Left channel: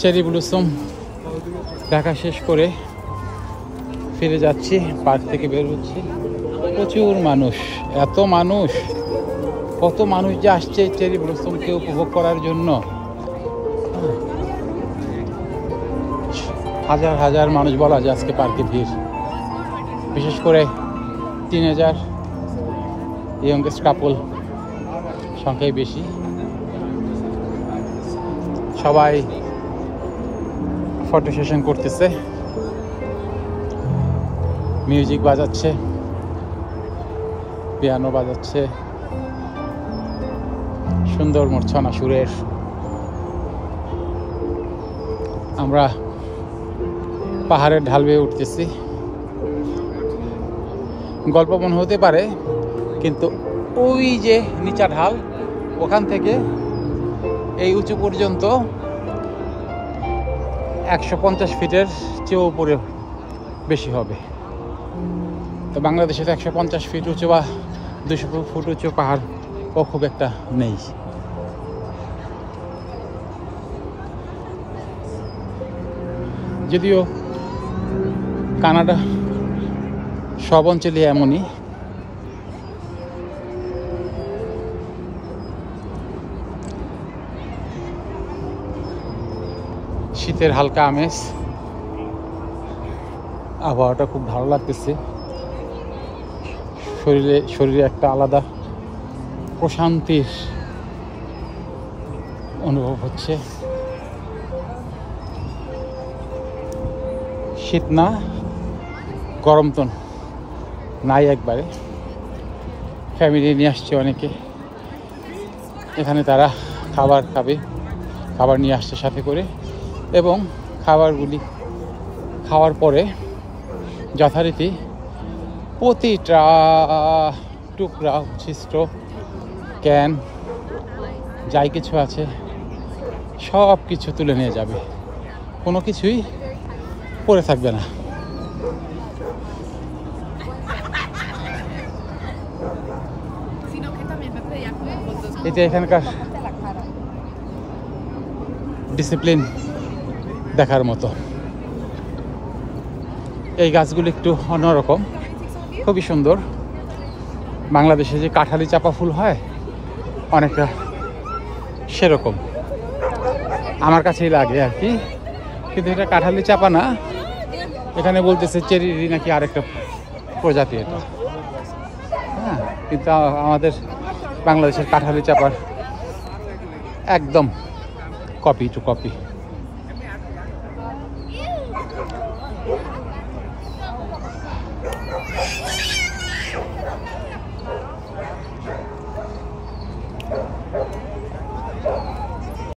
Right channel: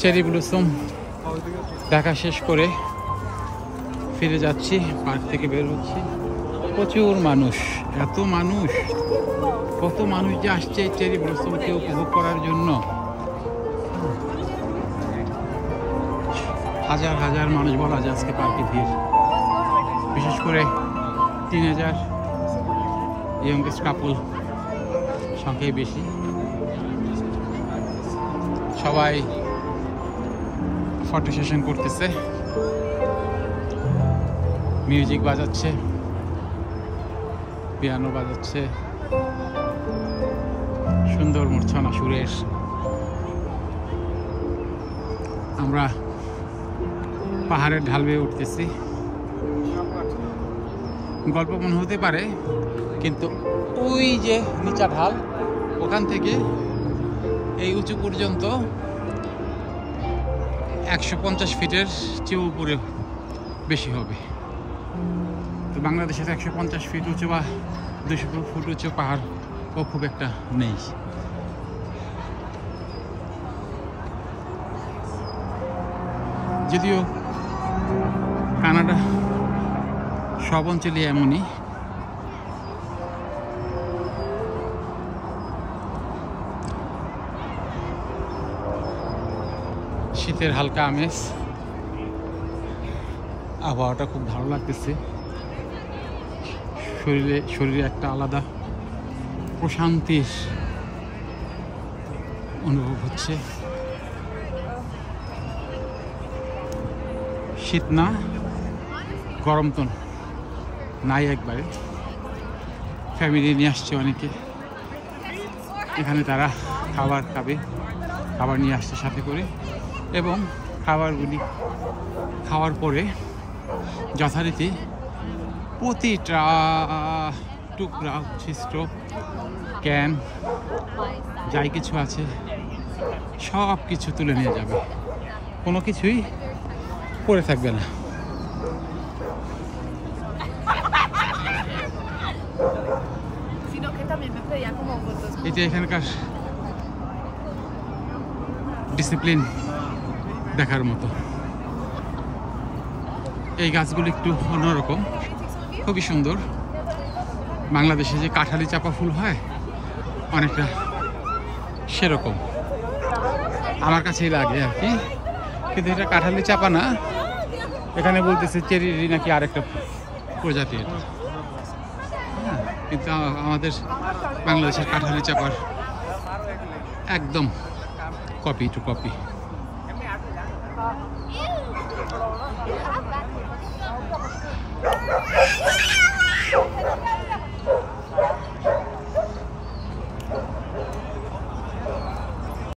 Cherry blossom দেখা শেষ করে ফিরে যাচ্ছি, পার্ক থেকে বের হচ্ছি। প্রচুর মানুষ, এত মানুষ, কত মানুষ যে আসছে চেরি ব্লসমকে উপভোগ করার জন্য। হাজার হাজার মানুষ বলা যায় আজকে পার্কে ভিড়, বিশেষ করে টিনেজার ইয়ংগেস্ট কাপল সংখ্যাই বেশি। সবাই ফটো সেশন করতেছে, মিউজিক বাজাচ্ছে, পিয়ানো বাজাচ্ছে, সুন্দর মূর্ছনা সুরের। আমরা পাহাড়ের ঢাল বেয়ে উঠতেছি। গল্প মনে হতে পারে, কিন্তু ওই যে নিচা ঢাল, ওখান থেকে এই উঁচু পর্যন্ত 150 ফিটের চেয়েও উপরে বেশি হবে। তো বাংলাদেশে তো 150 ফিট উঁচু বা 200 ফুট উঁচু পাহাড় ও খুব একটা নেই। যদিও কানাডা সব অঞ্চলে এমনই। শীতের হালকা আমেজ, আবহাওয়াটা খুব ভালো লাগতেছে। শরীরে একটা আলাদা প্রশান্তির অনুভব হচ্ছে। শীত না, গরম তো নাই একবারে। ফ্যামিলি নিয়ে আসছে অনেকে এখানে, তারা খাবার খাবে, খাবার নিয়ে আসছে সাথে করে, এবং খাবারগুলি খাওয়ার পরে যথারীতি প্রতিটা টুকরা ছিদ্র ক্যান যাই কিছু আছে সব কিছু তুলে নিয়ে যাবে, কোনো কিছুই পড়ে থাকবে না। এটা এখানকার ডিসিপ্লিন দেখার মতো। এই গাছগুলো একটু অন্যরকম, খুবই সুন্দর। বাংলাদেশে যে কাঁঠালি চাপা ফুল হয় অনেকটা সেরকম আমার কাছেই লাগে আর কি, কিন্তু এটা কাঁঠালি চাপা না। এখানে বলতেছে চেরি নাকি আরেকটা প্রজাতি এটা। হ্যাঁ, কিন্তু আমাদের বাংলাদেশের কাঁঠালি চাপার একদম কপি টু কপি।